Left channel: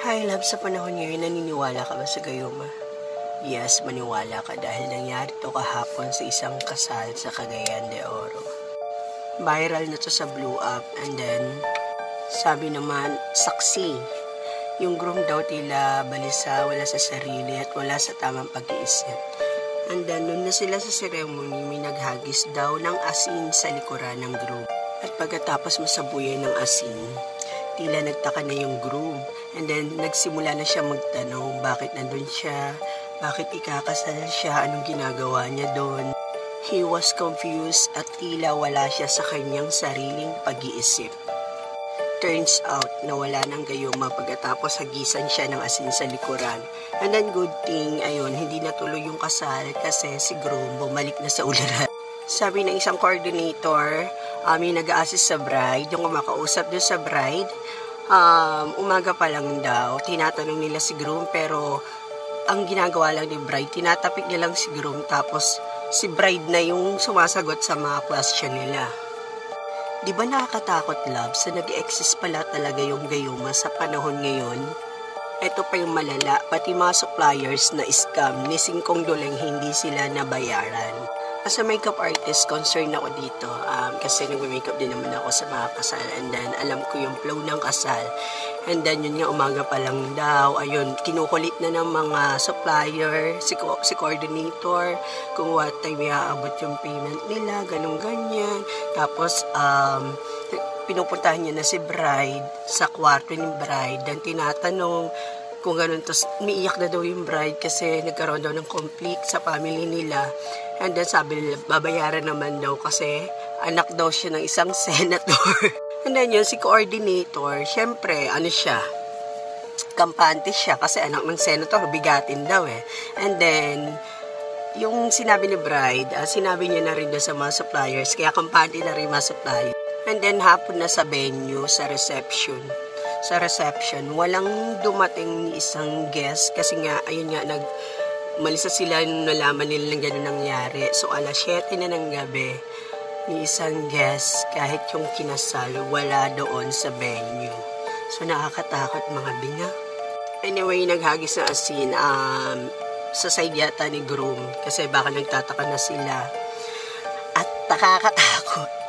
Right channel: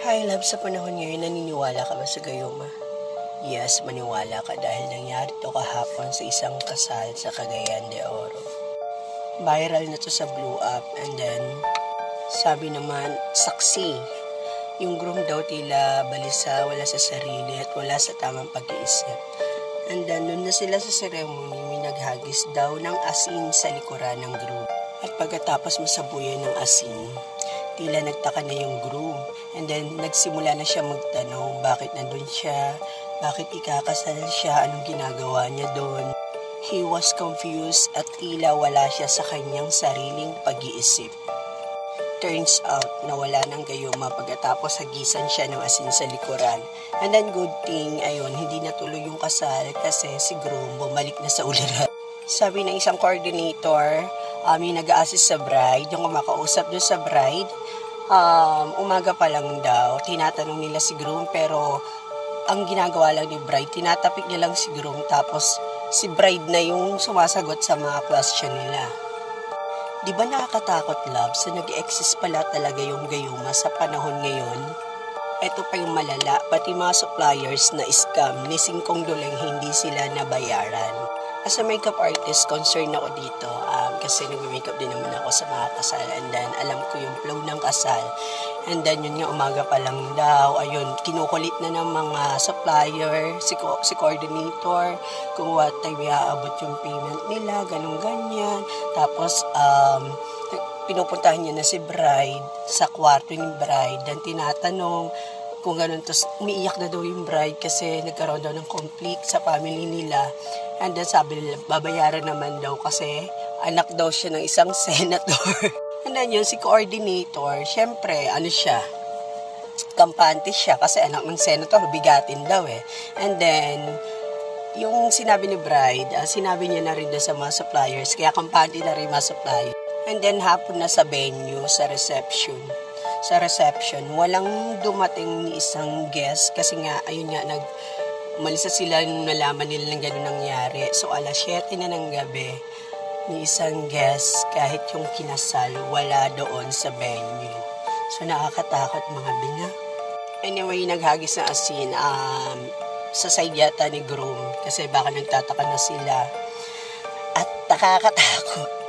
Hi, love, sa panahon ngayon, naniniwala ka ba sa gayuma? Yes, maniwala ka dahil nangyari to kahapon sa isang kasal sa Cagayan de Oro. Viral na to sa Blue Up, and then, sabi naman, saksi. Yung groom daw tila balisa, wala sa sarili at wala sa tamang pag-iisip. And then, nun na sila sa ceremony, may naghagis daw ng asin sa likuran ng groom. At pagkatapos masabuyan ng asin, tila nagtaka na yung groom. And then, nagsimula na siya magtanong, bakit nandun siya, bakit ikakasal siya, anong ginagawa niya doon. He was confused at tila wala siya sa kanyang sariling pag-iisip. Turns out, nawala ng gayuma pagkatapos hagisan siya ng asin sa likuran. And then, good thing, ayun, hindi natuloy yung kasal kasi si groom bumalik na sa uliran. Sabi ng isang coordinator, may nag-a-assist sa bride, yung kumakausap doon sa bride, umaga pa lang daw, tinatanong nila si groom, pero ang ginagawa lang ni bride, tinatapik niya lang si groom, tapos si bride na yung sumasagot sa mga question nila. Di ba nakakatakot, love, sa nag-exist pala talaga yung gayuma sa panahon ngayon? Ito pa yung malala, pati mga suppliers na scam ni Singkong Duleng hindi sila nabayaran. As a makeup artist, concerned ako dito kasi nag-makeup din naman ako sa mga kasal, and then alam ko yung flow ng kasal, and then yun nga umaga pa lang daw, ayun, kinukulit na ng mga supplier, si coordinator, kung what time iaabot yung payment nila, ganun-ganyan. Tapos pinupuntahan niya na si bride sa kwarto ni bride, then tinatanong kung ganun, tapos umiiyak na daw yung bride kasi nagkaroon daw ng conflict sa family nila. And then sabi nila, babayaran naman daw kasi anak daw siya ng isang senator. And then yun, si coordinator, syempre, siya, kampante siya kasi anak ng senator, bigatin daw eh. And then, yung sinabi ni bride, sinabi niya na rin daw sa mga suppliers, kaya kampante na rin mga suppliers. And then hapon na sa venue, sa reception, walang dumating ni isang guest kasi nga, ayun nga, malisa sila nung nalaman nila ng gano'n nangyari. So, 7:00 na ng gabi, ni isang guest, kahit yung kinasal, wala doon sa venue. So, nakakatakot mga binga. Anyway, naghagis na asin sa side yata ni groom kasi baka nagtataka na sila. At nakakatakot.